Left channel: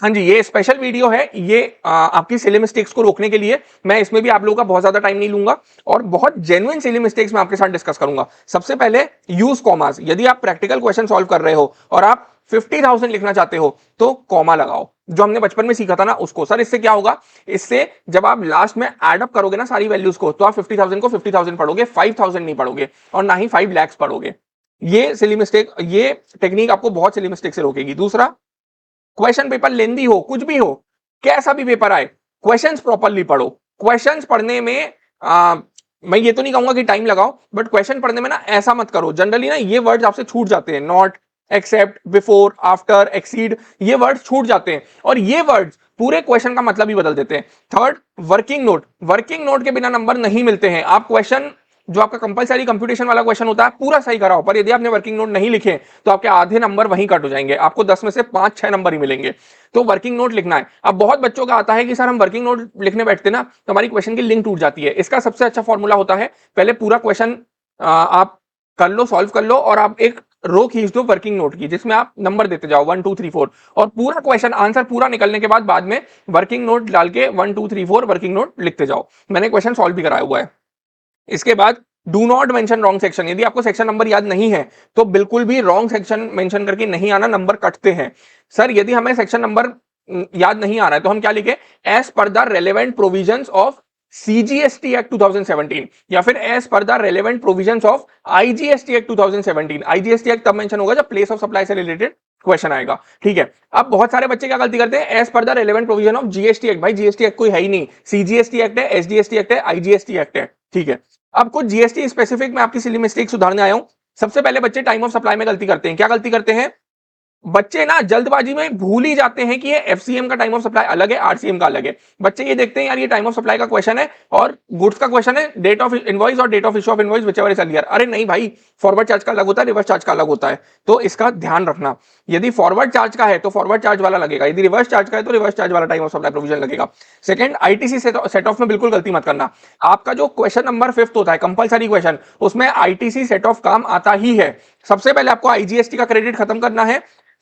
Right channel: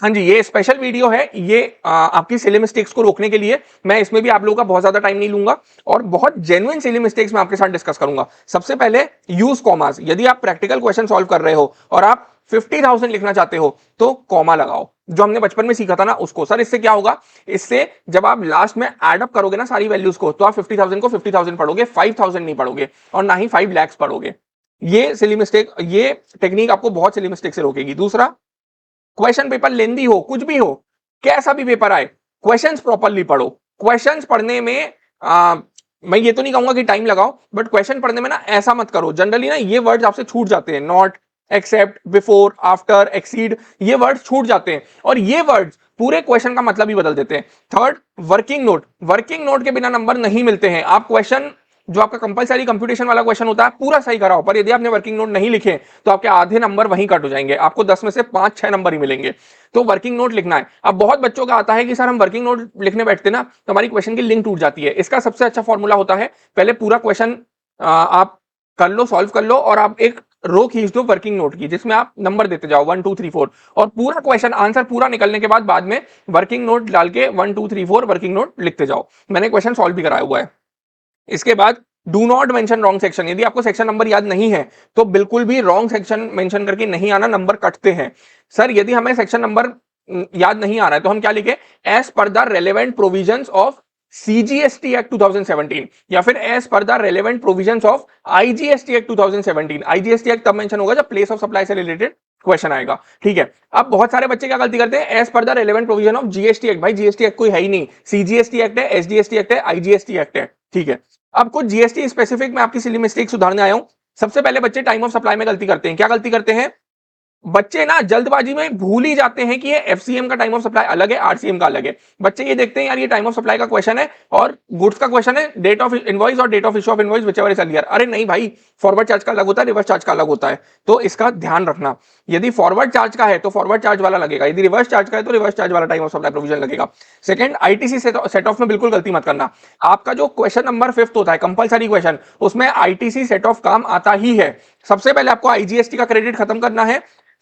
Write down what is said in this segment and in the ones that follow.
हाँ जी, ये special video है, ये आपकी सिली मिस्टेक्स को रोकने के लिए। मैं इसमें भी आप लोगों का बहुत ज्यादा टाइम नहीं लूंगा और बहुत जेन्युइन सिली मिस्टेक्स मैं आपके साथ डिस्कस करूंगा। सबसे पहले यूज कॉमास। यदि आप प्रैक्टिकल क्वेश्चन सॉल्व कर रहे हो और आप 50,000 लिखना चाहते हो तो कॉमा लगाओ, जो हमने बचपन में सीखा था ना उसको। सर इससे क्या होगा, इससे जब आप लास्ट में एड अप करोगे ना सारी वैल्यूज को, तो आप 50,000 को 50,000 पढ़ोगे, 5,000 नहीं पढ़ोगे और ना ही 5 lakhs पढ़ोगे। ये सिली मिस्टेक, ये टेक्निक आपको बहुत सिली मिस्टेक से रोकेगी। दूसरा, क्वेश्चन पेपर लेंदी हो, कुछ भी हो, कैसा भी पेपर आए, क्वेश्चंस प्रॉपरली पढ़ो। क्वेश्चंस पढ़ने में मैं ये तो नहीं कहूंगा कि टाइम लगाओ, बट क्वेश्चन पढ़ने में ना ऐसा मत करो। जनरली ना ये वर्ड्स आपसे छूट जाते हैं, not, except, before, after, exceed, ये वर्ड्स छूट जाते हैं और ये वर्ड्स पूरे क्वेश्चन का मतलब ही बदल देते हैं। Third, working note. Working note के बिना नंबर नहीं मिलते हैं। आप क्वेश्चन जो आपका कंपलसरी कंप्यूटेशन वाला क्वेश्चन होता है पूरा सही कराओ, पर यदि आपने वर्किंग नोट नहीं लिखे तो आपके आधे नंबर वहीं कट हो जाएंगे, आपको 10 में से 5-6 नंबर ही मिलेंगे। तो वर्किंग नोट लिखना है। अब बहुत बच्चों का आता है कि सर हम वर्किंग नोट लिखने बैठते ना तो हमारी क्वेश्चन की लिंक टूट जाती है। इसका सबसे अच्छा फॉर्मूला होता है, पहले पूरा क्वेश्चन आप कर लो, सॉल्व कर लो और आप एक रो खींच दो वर्किंग नोट की, जिसमें आप नंबर देते जाओ 1 2 3 4 और पूरा क्वेश्चन आंसर पूरा निकलने के बाद में वर्किंग नोट डाल के 1 2 3 4 वर्किंग नोट लिखते जाओ। मैंने क्वेश्चन सॉल्व भी कराया हुआ है। इसके बाद do not mention wrong section. यदि आपको सेक्शन नंबर याद नहीं है तो बिल्कुल भी रॉन्ग सेक्शन मेंशन करके नहीं आना, नंबर कटते हैं। सर यदि हमें सेक्शन नंबर याद नहीं आ रहा है तो हम क्या लिखे, as per the relevant provisions of CGST act 2017 या फिर as per the relevant provisions of IGST act 2017। IGST act तब मेंशन होगा जब प्लेस ऑफ सप्लाई से रिलेटेड क्वेश्चन आएगा, ठीक है। अब बहुत सारे बच्चे क्या गलती करते हैं, as per the relevant provision of GST act. भाई जीएसटी एक्ट कोई है ही नहीं, सीजीएसटी एक्ट है, एसजीएसटी एक्ट है, आईजीएसटी एक्ट है, ठीक है। अब कुछ जीएसटी स्पेसिफिक मैं आपकी सिली मिस्टेक सुधारने आया हूं। सबसे पहले बच्चे टाइम ऑफ सप्लाई में गलती करते हैं। क्या गलती करते हैं, बच्चे ना जल्दबाजी में भूल ही जाते हैं कि ये एफसीएम का टाइम ऑफ सप्लाई अलग है, आरसीएम का अलग है। बच्चे ये देखते हैं यार ये टाइम ऑफ सप्लाई का क्वेश्चन है और गुड्स का क्वेश्चन है, डेट ऑफ इनवॉइस और date of issue of invoice whichever is earlier. अरे नहीं भाई, फॉरवर्ड चार्ज का अलग होता है, रिवर्स चार्ज का अलग होता है, तो इसका ध्यान रखना। यदि फॉरवर्ड चार्ज का है तो फॉरवर्ड चार्ज वाला लगेगा, यदि रिवर्स चार्ज का है तो रिवर्स चार्ज वाला टाइम ऑफ सप्लाई प्रोविजन लगेगा। सेकंड, आईटीसी सेट ऑफ में बिल्कुल गलती मत करना। आपका जो क्वेश्चन नंबर 5 होता है कंपलसरी क्वेश्चन, उसमें आईटीसी सेट ऑफ काम आता ही है। सबसे पहले आपको आईजीएसटी का क्रेडिट खत्म करना है,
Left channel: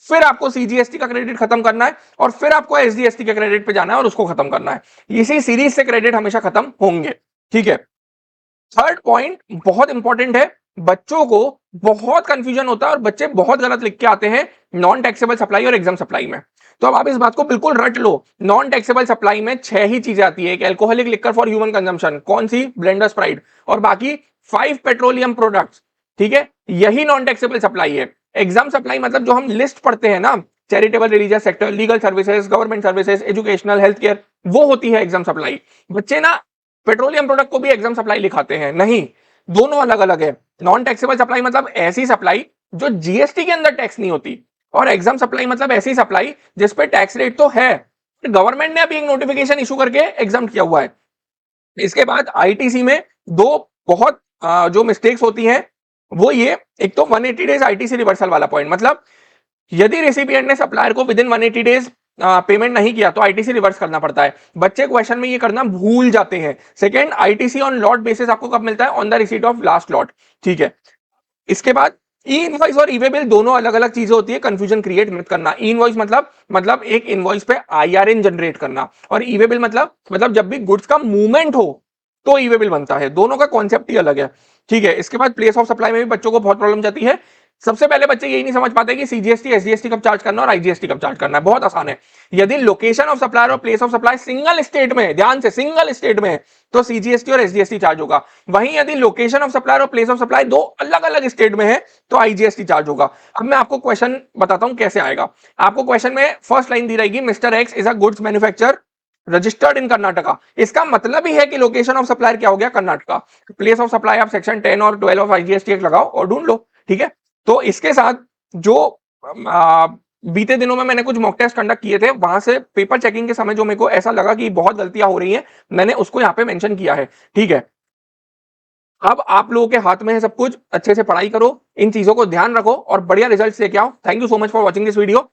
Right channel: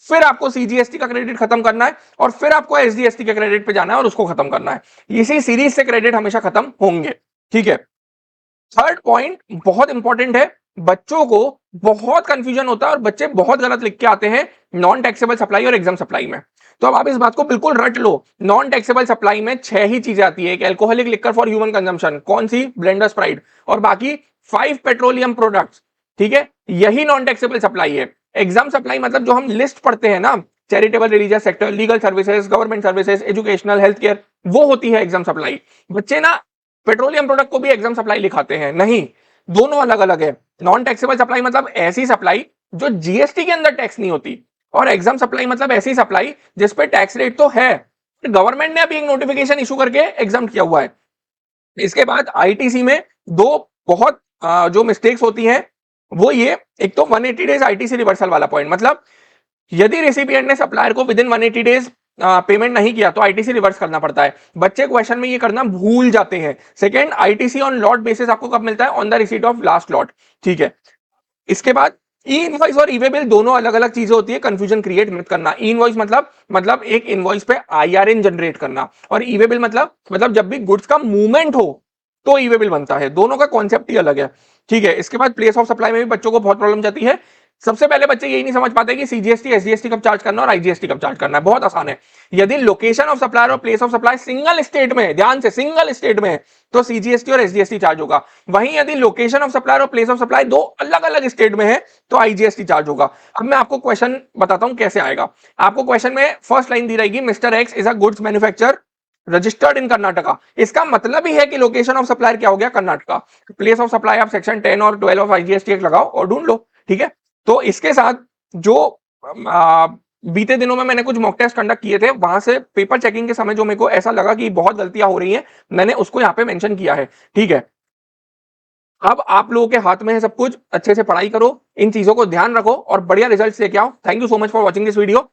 फिर आपको सीजीएसटी का क्रेडिट खत्म करना है और फिर आपको एसडीएसटी के क्रेडिट पे जाना है और उसको खत्म करना है। इसी सीरीज से क्रेडिट हमेशा खत्म होंगे, ठीक है। थर्ड पॉइंट बहुत इंपॉर्टेंट है, बच्चों को बहुत कंफ्यूजन होता है और बच्चे बहुत गलत लिख के आते हैं नॉन टैक्सेबल सप्लाई और एग्जाम सप्लाई में। तो अब आप इस बात को बिल्कुल रट लो, नॉन टैक्सेबल सप्लाई में 6 ही चीजें आती है। एक alcoholic liquor for human consumption, कौन सी, ब्लेंडर स्प्राइट, और बाकी 5 पेट्रोलियम प्रोडक्ट्स, ठीक है, यही नॉन टैक्सेबल सप्लाई है। एग्जाम सप्लाई मतलब जो हम लिस्ट पढ़ते हैं ना, charitable, religious sector, legal services, government services, educational, health care, वो होती है एग्जाम सप्लाई। बच्चे ना पेट्रोलियम प्रोडक्ट को भी एग्जाम सप्लाई लिखाते हैं, नहीं, दोनों अलग अलग है। नॉन टैक्सेबल सप्लाई मतलब ऐसी सप्लाई जो जीएसटी के अंदर टैक्स नहीं होती, और एग्जाम सप्लाई मतलब ऐसी सप्लाई जिसपे टैक्स रेट तो है, गवर्नमेंट ने अभी एक नोटिफिकेशन इशू करके एग्जाम किया हुआ है। इसके बाद आईटीसी में दो बहुत जो मिस्टेक्स होती हैं वो ये, एक तो 180 डेज आईटीसी रिवर्सल वाला पॉइंट, मतलब यदि रेसिपिएंट ने सप्लायर को विद इन 180 डेज पेमेंट नहीं किया तो आईटीसी रिवर्स करना पड़ता है। बच्चे क्वेश्चन में ये करना भूल जाते हैं। Second, ITC on lot basis आपको कब मिलता है, on the receipt of last lot, ठीक है। इसके बाद ई इनवॉइस और ई वे बिल दोनों अलग अलग चीजें होती है, कंफ्यूजन क्रिएट मत करना। ई इनवॉइस मतलब एक इनवॉइस पे आईआरएन जनरेट करना, और ई वे बिल मतलब जब भी गुड्स का मूवमेंट हो तो ई वे बिल बनता है, दोनों का कॉन्सेप्ट ही अलग है, ठीक है। इसके बाद प्लेस ऑफ सप्लाई में भी बच्चों को बहुत प्रॉब्लम जाती है। सबसे पहले बच्चे यही नहीं समझ पाते कि सीजीएसटी एसजीएसटी कब चार्ज करना और आईजीएसटी कब चार्ज करना है, बहुत आसान है। यदि लोकेशन ऑफ सप्लायर और place of supply single state में, ध्यान से सिंगल स्टेट में, तो सीजीएसटी और एसजीएसटी चार्ज होगा। वहीं यदि लोकेशन ऑफ सप्लायर और प्लेस ऑफ सप्लाई दो अलग अलग स्टेट में है तो आईजीएसटी चार्ज होगा। अब मैं आपको क्वेश्चन बताता हूं कैसे आएगा। आपको क्वेश्चन में फर्स्ट लाइन दी रहेगी, mister x is a goods manufacturer registered in Karnataka. इसका मतलब ही है कि लोकेशन ऑफ सप्लायर क्या हो गया, कर्नाटका। प्लेस ऑफ सप्लाई आप सेक्शन 10 और 12 ऑफ आईजीएसटी एक्ट लगाओ और ढूंढ लो, ठीक है। तो इसके साथ जो आ, बीते दिनों में मैंने कुछ मॉक टेस्ट कंडक्ट किए थे, वहां से पेपर चेकिंग के समय जो मेरे को ऐसा लगा कि बहुत गलतियां हो रही हैं, मैंने उसको यहाँ पे मेंशन किया है, ठीक है। अब आप लोगों के हाथ में है सब कुछ, अच्छे से पढ़ाई करो, इन चीजों का ध्यान रखो और बढ़िया रिजल्ट लेके आओ। Thank you so much for watching this video.